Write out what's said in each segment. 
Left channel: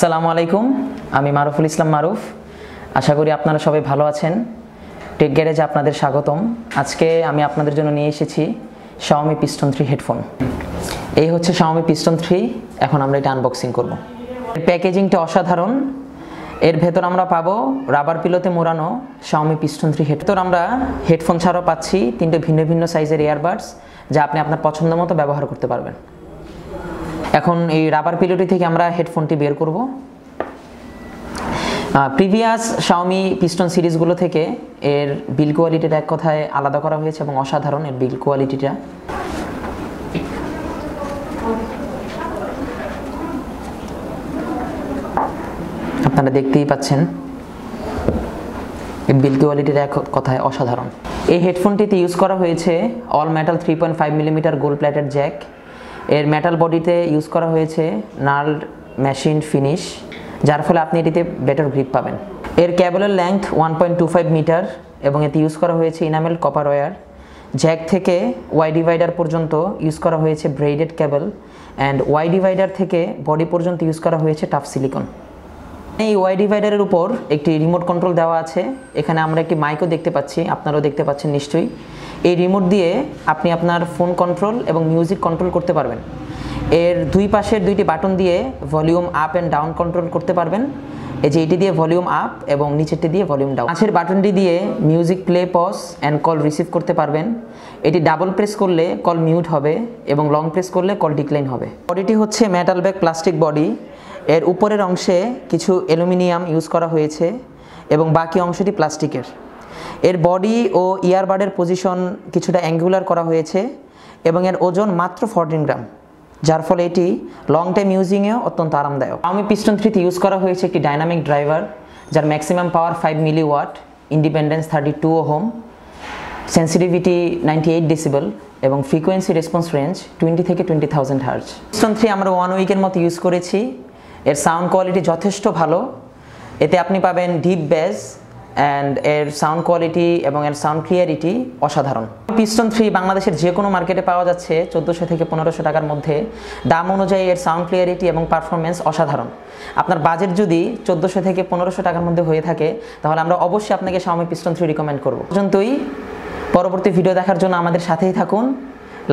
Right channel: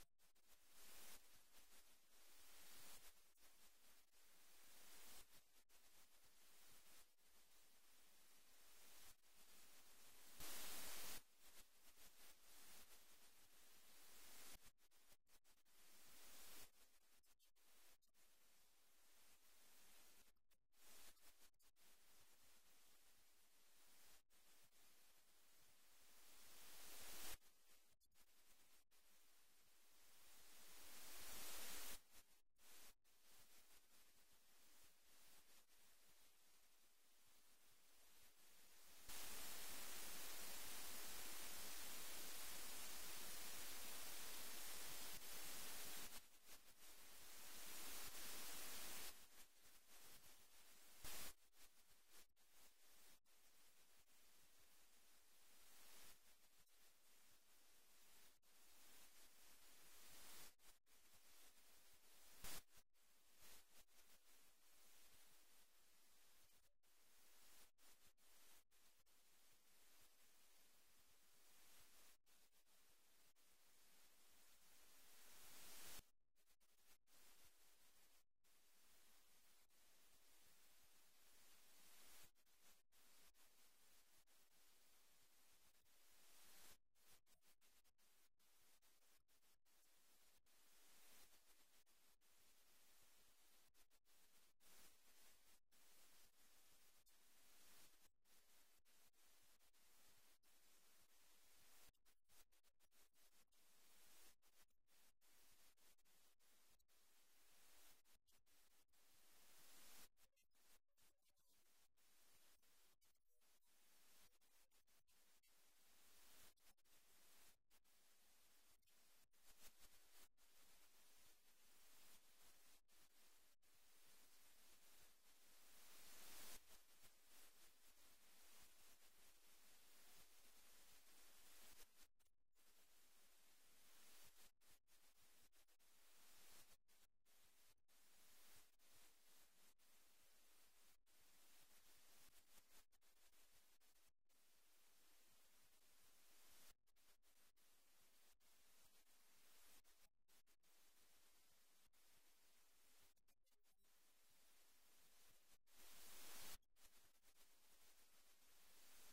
আসসালামু আলাইকুম, আমি মারুফুল ইসলাম মারুফ। আশা করি আপনারা সবাই ভালো আছেন। টেক গ্যারেজে আপনাদের স্বাগতম। আজকে আমি আপনাদের জন্য নিয়ে এসেছি Xiaomi Piston 3 হেডফোন। এই হচ্ছে Xiaomi Piston 3। এখন আমরা এটা আনবক্সিং করব। প্যাকেজিংটা অসাধারণ। এর ভেতর আমরা পাবো রাবার পিলোতে মোড়ানো Xiaomi Piston 3 হেডফোন। আমরা হেডফোন ছাড়াও পাচ্ছি তিনটে ভিন্ন ভিন্ন সাইজের ইয়ারবাডস, যা আপনি আপনার পছন্দ মতো ব্যবহার করতে পারবেন। এখন এই রাবার পিলোটি থেকে আমরা হেডফোনটি বের করব। প্রিভিয়াস Xiaomi Piston সিরিজগুলো থেকে এর বিল কোয়ালিটিটা এক কথায় আলাদা করা হয়েছে এবং অসাধারণ এর বিল কোয়ালিটিটা। আপনারা দেখতেই পাচ্ছেন এর বিল কোয়ালিটিটা এক কথায় অসাধারণ। এই হেডফোনটিতে ইউজ করা হয়েছে all metal 3.5 millimetre gold plated Jack. এর মেটাল বডিতে ইউজ করা হয়েছে নার্লড মেশিন ফিনিশ, যার ফলে আপনি এটিতে বেটার গ্রিপ পাবেন। এর কেবলের লেন্থ 1.25 মিটার এবং এতে ইউজ করা হয়েছে ইনামেল কপার ওয়্যার। জ্যাক থেকে ওয়াই ডিভাইডার পর্যন্ত ইউজ করা হয়েছে braided cable, and Y divider থেকে বডি পর্যন্ত ইউজ করা হয়েছে টাফ সিলিকন। এই ওয়াই ডিভাইডারের উপর একটি রিমোট কন্ট্রোল দেওয়া আছে। এখানে আমরা একটি মাইকও দেখতে পাচ্ছি, আপনারাও দেখতে পাচ্ছেন নিশ্চয়ই। এই রিমোট দিয়ে আপনি আপনার ফোন কন্ট্রোল এবং মিউজিক কন্ট্রোল করতে পারবেন। এর দুই পাশের দুইটি বাটন দিয়ে volume up and down control করতে পারবেন। এই যে এটি দিয়ে ভলিউম আপ এবং নিচেরটি দিয়ে ভলিউম ডাউন। পাশের বাটনটি দিয়ে music play, pause and call receive করতে পারবেন। এটি ডাবল প্রেস করলে কল মিউট হবে এবং লং প্রেস করলে কল ডিক্লাইন হবে। বডিটি হচ্ছে মেটাল ব্যাক প্লাস্টিক বডি। এর উপরের অংশে কিছু অ্যালুমিনিয়াম ইউজ করা হয়েছে এবং বাকি অংশটি প্লাস্টিকের। এর বডি ও ইয়ারবাডের পজিশন কিছুটা অ্যাঙ্গুলার করা হয়েছে এবং এর ওজন মাত্র 14 গ্রাম, যার ফলে এটি লং টাইম ইউজিংয়েও অত্যন্ত আরামদায়ক। Xiaomi Piston 3 তে ইউজ করা হয়েছে একটি ডাইনামিক ড্রাইভার, যার maximum power 5 milliwatt, independence 32 ohm, sensitivity 98 decibel এবং ফ্রিকোয়েন্সি রেসপন্স রেঞ্জ 20 থেকে 20,000 হার্জ। Piston 3 আমরা 1 উইকের মতো ইউজ করেছি। এর সাউন্ড কোয়ালিটি যথেষ্ট ভালো। এতে আপনি পাবেন ডিপ বেস অ্যান্ড এর সাউন্ড কোয়ালিটি এবং এর সাউন্ড ক্লিয়ারিটি অসাধারণ। Piston 3 বাংলাদেশের যে কোনো মার্কেটে পাওয়া যাচ্ছে 1400 থেকে 1500 টাকার মধ্যে। দাম অনুযায়ী এর সাউন্ড ক্লিয়ারিটি এবং পারফরমেন্স অসাধারণ। আপনার বাজেট যদি 1400 থেকে 1500 টাকার মধ্যে হয়ে থাকে, তাহলে আমরা অবশ্যই আপনাকে Xiaomi Piston 3 রিকমেন্ড করব। পর্যন্তই। পরবর্তী ভিডিও দেখার জন্য আমাদের সাথেই থাকুন।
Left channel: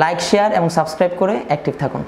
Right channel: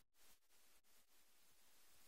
লাইক, শেয়ার এবং সাবস্ক্রাইব করে অ্যাক্টিভ থাকুন।